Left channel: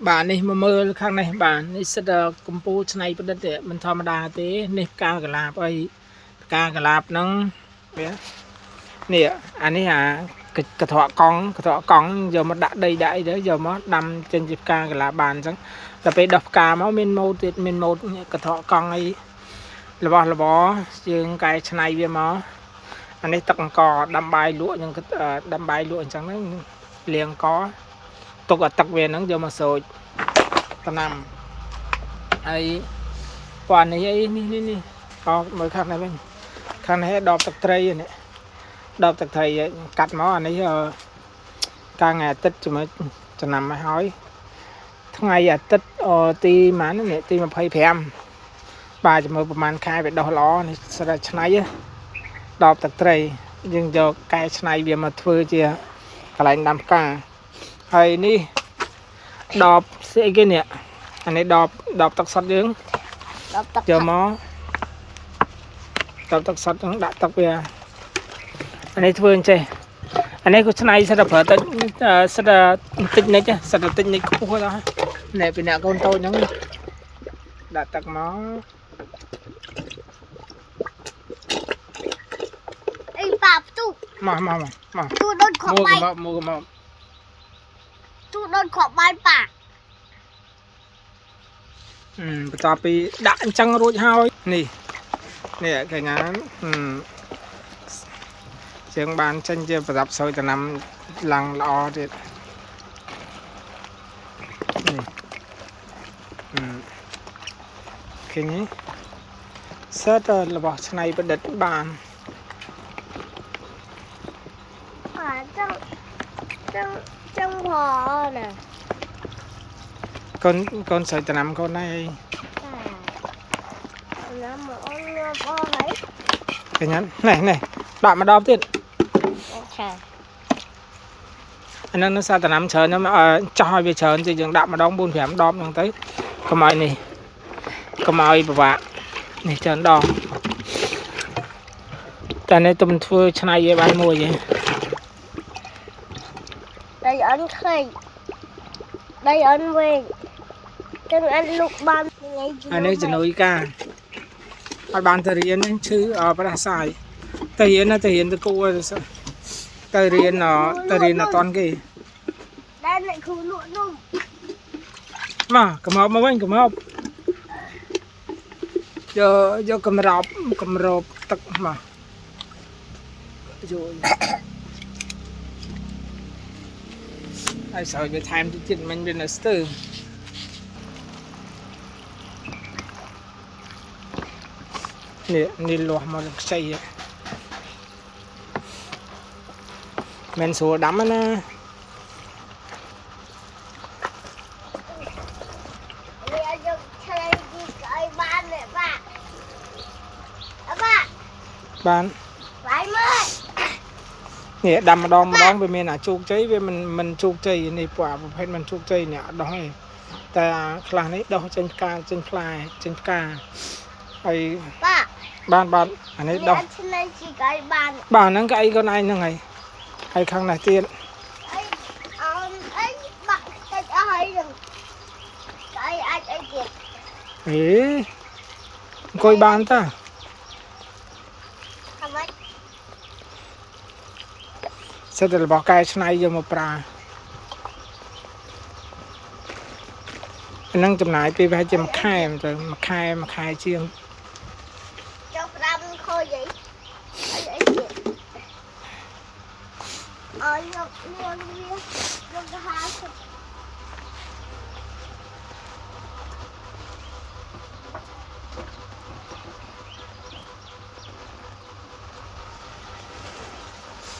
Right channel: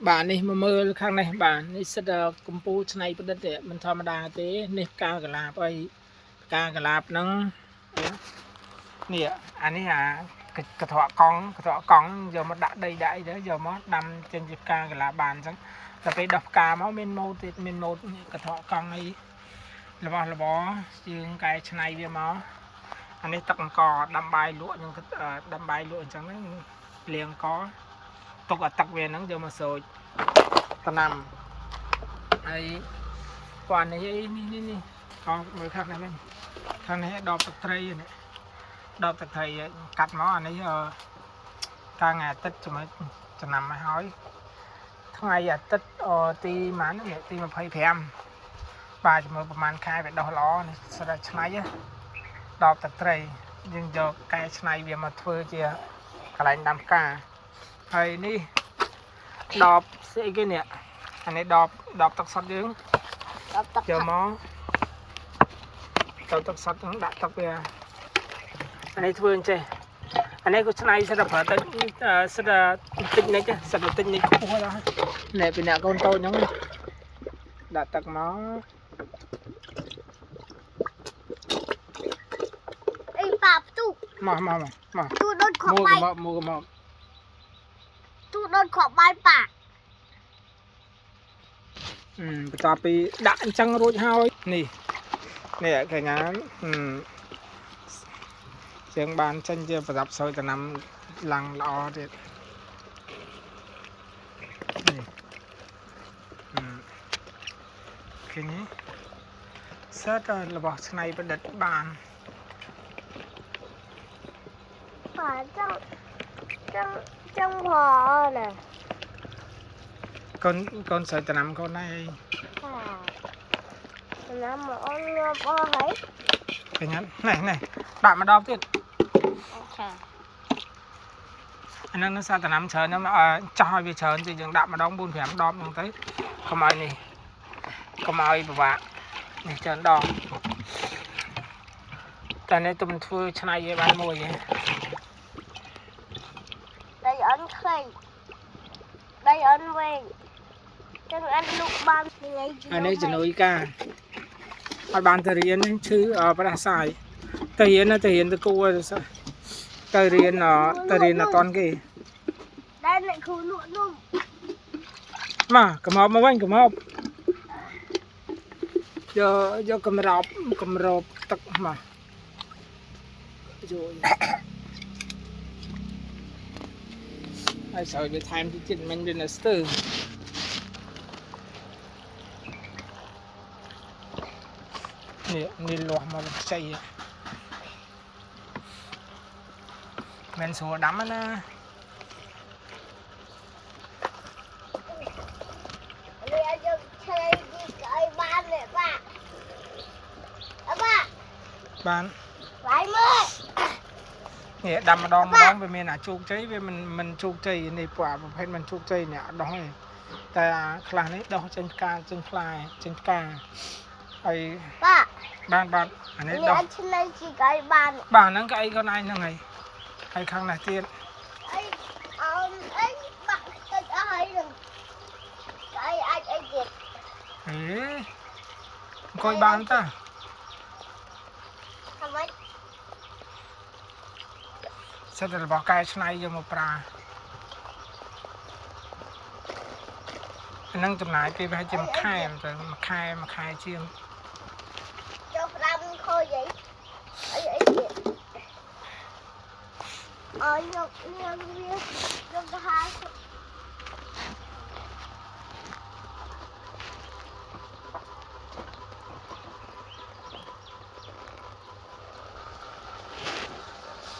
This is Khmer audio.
bạn này mà mơ khang này bạn này sẽ là công phu này bên đất mình thò mà đà thế này ca cả lạp ấy ca cả lạp nó nè anh ấy cái thọ con giờ mà đã đầy đại đấy giờ mà đâm trên dịp ca cả lạp bàn chẳng là phải đọc ca máu min một cái thọ con ấy là bỏ riêng cái này về mà anh ấy tặng cò đâm bài lụa nhưng cái đâm bài lụa chẳng nó liền có tục ở tặc về nó giờ mà sôi ta nằm ấy quan nàyนี่mới khắc này bên khắc này đọc tặc tray này đọc tặc thầy cắt máu anh ấy ca ngày tết cho mới cho nằm mới hỏi tháng ngày tết ti mà nó này ti mà phải phèm bà cho mớiประมาณ khai về đo ló này sẽ là này đọc tặc tray nhưng giờ cái này về mà thưa chưa cái này nằm cảហើយនេះដបស្អីគេនេះអានេះដបទឹកសុទ្ធយើងយកមកដបទឹកសុទ្ធហ្នឹងដាក់ទឹកវាអានេះធ្វើអញ្ចេះអានេះក៏ឆ្នៃសិតតែប្រើទឹកសិតតែតិចនិចសិតតែតិចនិចខ្ពស់ដល់ណែពីអ្នកកូនតូចហ្នឹងដាក់ទឹកមកអីប៉ាផ្ទុកមកទូដូចខបាយមកទូដូចខបាយប៉ាបន្ទាប់ពីដាក់អញ្ចឹងរួចហើយនេះកញ្ញាជាងបានចេញជាប្រដាប់សោយតំណាំឡើងល្អទៀតឃើញទេសិតរបស់ឆ្នៃប្រឌិតបានចឹងផណាកូនសោយតំណាំកូនណៃណាមកអូនញ៉ាំអស់ហើយឃើញនេះដាក់ម្ដងទៀតអានោះនៅសារតំណាំច្រើនខ្ញុំចោះឲ្យវាច្រើនជាយើងដាក់ម្ដង 4-5 ដបហ្នឹងទៅកុំឲ្យនេះកុំឲ្យពិបាកនេះច្រើនដងតែនេះទុំធ្វើឆ្នៃឲ្យបាយមួយទេដៃអន់ខេកដៃអន់វែងចឹងអត់លុកបានថ្ងៃអានេះជំនួយការអត់បានទៅរៀនឈឺប្រដាសាយទៅរៀនទៅគួរទៅរៀនអត់តាន់គេដែលអ្នកគ្រូលក់នំមកកំហប់មកវិញកំហប់យកកំរបទឹកមកយកហើយសើវាថែមជាតិមិញវានៅស្ទើនេះលាស់មកខ្ចីមិនស្រួលដាំណាវាយកឆ្លៃពីស្អីបាននេះបានបាយមើលនេះដាំម្ដងវាមានអាជោគជ័យវាមិនជោគជ័យនេះពួកប្រភេទមិនជោគជ័យនេះអត់ដោះទេតែខ្លះនេះដោះចេញផ្កាចេញផ្លែចេញផ្កាហើយបានអានេះដោះឆ្លៃពីស្អីបានហ្នឹងក៏អីខ្លួនឯងហ្នឹងហើយខាងនេះទៀតអីបាក់តិចអស់ហើយនឹងអីអាចអីទៀតអង្គុយបានតើសិតតែរបស់កែច្នៃយកមកប្រើហ្នឹងចំណាយពេលប្រហែលជាមួយខែទៅមួយខែជាងចូល5ខូចអីទៀតយកលៀងវាយកទៅ50